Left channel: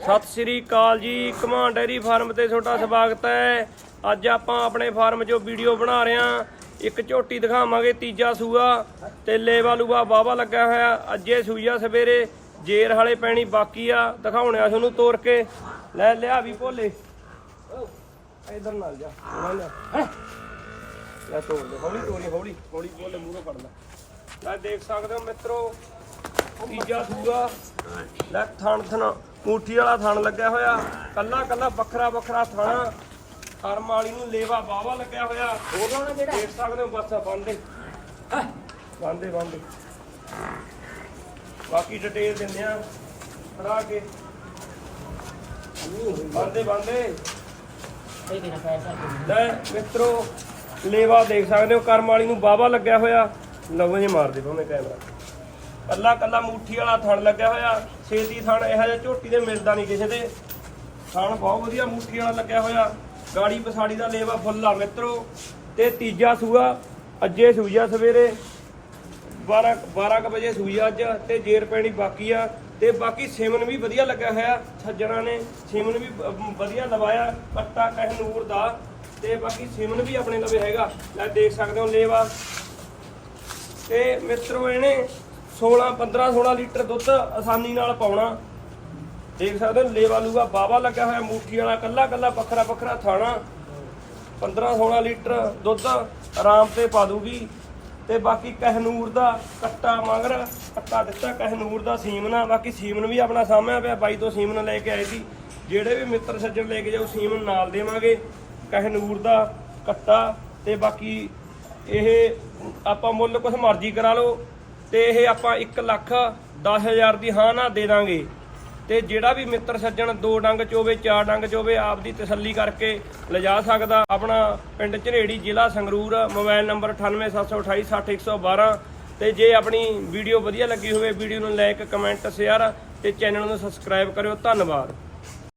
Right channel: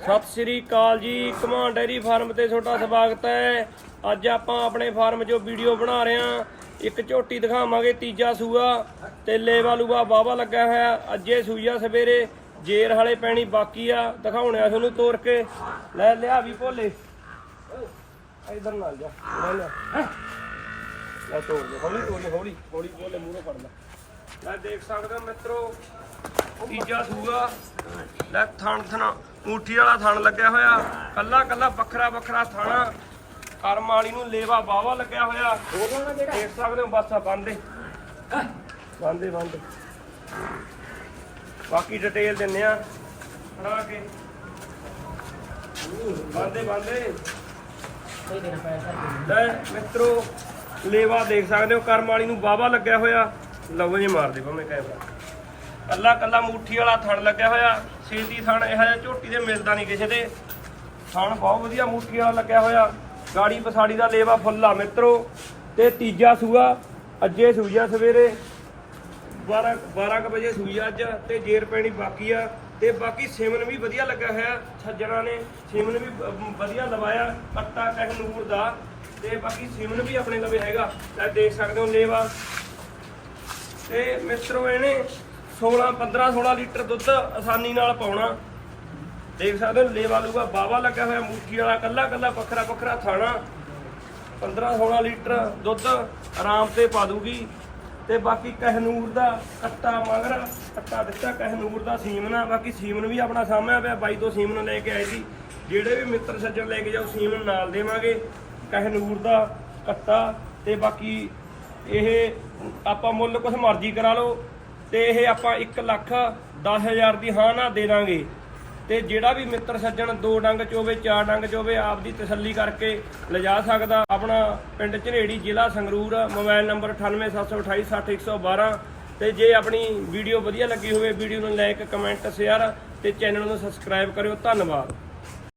ਸਤਿ ਸ੍ਰੀ ਅਕਾਲ ਜੀ command dairy farm ਤੇ ਤੁਹਾਡਾ ਸਵਾਗਤ ਹੈ। ਅੱਜ ਆਪਾਂ ਆਪਣੇ ਫਾਰਮ 'ਚੋਂ ਵੀਡੀਓ ਬਣਾ ਰਹੇ ਹਾਂ। ਇੱਕ ਝੋਟੀ ਦਿਖਾਵਾਂਗੇ, ਤੀਜਾ ਸੂਆ ਤੇ ਲੇਵਾ ਲੂਆ ਬਾਵਾ ਲੱਗਾ ਹੋਇਆ। ਅੱਜੇ ਸੂਈਆ ਸਵੇਰੇ, ਜੇਰ ਵਾਲੇ ਪੈਣੀ ਬਾਕੀ ਆ। ਦਿਖਾਉਣਿਆ ਤੁਹਾਨੂੰ ਤੋਰ ਕੇ। ਲੈ, ਲਿਆ ਵੀ ਭੋਲੇ। ਇਧਰ ਨਾਲ ਜਾ ਲੈ ਲੈ ਲੈ ਤੋੜ ਦੇ, ਹੌਲੀ ਤੋੜ ਦੇ, ਹੌਲੀ। ਹੌਲੀ ਭੋਲੇ, ਮੂਹਰੋਂ ਫੜ ਲੈ। ਲੈ, ਦੇਖ ਸਕਦੇ ਹੋ ਮਿੱਤਰੋ, ਤੀਜਾ ਸੂਆ। ਲੈ, ਥਣ ਥਣ। ਮੂਠੀ ਵਾਲਾ ਥਣ ਲੱਗਿਆ ਹੋਇਆ। ਕੱਲਾ ਕੱਲਾ ਵੱਖਰਾ ਵੱਖਰਾ ਥਣ। ਕਰਮ ਵਾਲੀ ਨੂੰ ਲੇਵਾ ਬਾਵਾ ਲੱਗਿਆ ਹੋਇਆ। ਦੇਖ ਸਕਦੇ ਹੋ, ਬਸ ਆ, ਬੰਦੇ ਬੰਦੇ ਬੰਦੇ ਬਾਕੀ ਡਿਟੇਲ ਦਿੰਨੇ ਆ। ਹਰਾ ਕੇ। ਬੰਦੇ ਬੰਦੇ ਲੈ ਮਿੱਤਰੋ, ਲੇਵਾ ਦੇਖ ਸਕਦੇ ਹੋ, ਕਰਮ ਵਾਲੀ ਨੂੰ ਬਾਵਾ ਲੱਗਿਆ ਹੋਇਆ। ਲਵੋ ਜੇ ਮਾਰਦੇ ਪਾਉਣੇ ਕੈਮਰਾ। ਕੱਲਾ ਕੱਲਾ ਮੂਠੀ ਵਾਲਾ ਥਣ ਲੱਗਿਆ ਹੋਇਆ, ਛੇਤੀ ਥਣ, ਇਹੋ ਜਿਹਾ ਝੋਟੀ ਦੇ ਮਿਲਦਾ ਨਹੀਂ ਕਿਸੇ ਦੇ। ਥਣ ਬਹੁਤ ਵਧੀਆ ਮੂਠੀ ਵਾਲਾ ਲੱਗਿਆ ਹੋਇਆ। ਗਾੜੀ ਪਸਾੜੀ ਦਾ ਲੇਵਾ ਫੁੱਲਾ ਮਿੱਤਰੋ। ਤੇ ਤੀਜਾ ਸੂਆ, ਅੱਜੇ ਸੂਈਆ ਸਵੇਰੇ। 12 12 ਕੁ ਵਜੇ ਸੂਈ ਅੱਜ, ਤੇ ਜੇਰ ਪੈਣੀ ਬਾਕੀ ਆ। ਤੇ ਬਾਕੀ ਸਿਮਨ ਵੀ ਵਧੀਆ ਲੱਗਿਆ ਹੋਇਆ ਸੱਜਣਾ ਨੇ ਸਿਮਨ ਵੀ ਵਧੀਆ ਲਵਾਇਆ ਕੱਟਾ ਕਹਿਨੂਰ ਦਾ। ਤੇ ਬਾਕੀ ਸਿਮਨ ਵੀ ਆਪਣੇ ਲਵੇ ਹੈਗਾ। ਲੈ ਦੇਖ ਸਕਦੇ ਹੋ ਲੇਵਾ। ਤੇ ਮਿੱਤਰੋ ਇਹਨੇ 16 15 16 ਲੀਟਰ ਦੁੱਧ ਆਸਾਨੀ ਨਾਲ ਪਾਉਣਾ। ਦੇਖ ਸਕਦੇ ਹੋ, ਲੇਵਾ ਲੂਗਾ ਬਾਵਾ ਲੱਗਿਆ ਹੋਇਆ, ਮੂਠੀ ਵਾਲਾ, ਕੱਲਾ ਕੱਲਾ ਵੱਖਰਾ ਵੱਖਰਾ ਥਾਣਾ। 15 16 ਲੀਟਰ ਦੁੱਧ ਆਰਾਮ ਤੇ ਪਾ ਦੂਗੀ। ਤੇ ਬਾਕੀ ਕਹਿਨੂਰ ਦਾ ਕੱਟਾ ਮਗਰ, ਕੱਟਾ ਦਿੱਤਾ ਕਹਿਨੂਰ ਦਾ ਸੀਮਨਾ। ਬਾਕੀ ਸੀਮਨ ਵੀ ਆਪਣਾ ਸਾਹਮਣੇ ਪਿਆ, ਬਾਈ ਤੋਂ ਸੀਮਨ ਲੈ ਕੇ ਆਏ ਸੀ। ਜਿਹੜੇ ਵੀ ਮਿੱਤਰ ਸੱਜਣ ਲੈ ਕੇ ਜਾਓ, ਸੀਮਨ ਨਾਲ ਦੇਵਾਂਗੇ ਕਹਿਨੂਰ ਦਾ ਕੱਟਾ। ਤੇ ਬਾਕੀ ਇਹ ਆਪਾਂ ਮੁੱਲ ਕੁਛ ਮਰਜ਼ੀ ਕਰਾ ਲਓ। ਤੇ ਇਹ ਆਪਾਂ 1 ਲੱਖ 10000 ਦੀ ਹਾਂ ਨਾ ਦੇ ਦਾਂਗੇ। ਤੇ ਜਿਹੜਾ ਵੀ ਮਿੱਤਰ ਸੱਜਣ ਦੋ ਡੰਗ ਚੋਵੇ ਚਾਰ ਡੰਗ ਚੋਵੇ ਆਪ ਦੀ ਤਸੱਲੀ ਕਰਕੇ ਲਿਜਾ ਸਕਦਾ। ਆਪਣਾ ਪਿੰਡ ਝਨੇੜੀ ਜ਼ਿਲ੍ਹਾ ਸੰਗਰੂਰ, ਮੋਬਾਈਲ ਨੰਬਰ 9872860112 ਤੇ ਜੇ ਆਪਣੀ ਵੀਡੀਓ ਵਧੀਆ ਲੱਗੀ ਹੋਵੇ, ਵੀਡੀਓ ਨੂੰ ਲਾਈਕ, ਕਮੈਂਟ, ਸ਼ੇਅਰ ਤੇ ਚੈਨਲ ਨੂੰ ਸਬਸਕ੍ਰਾਈਬ ਕਰਿਓ। ਧੰਨਵਾਦ।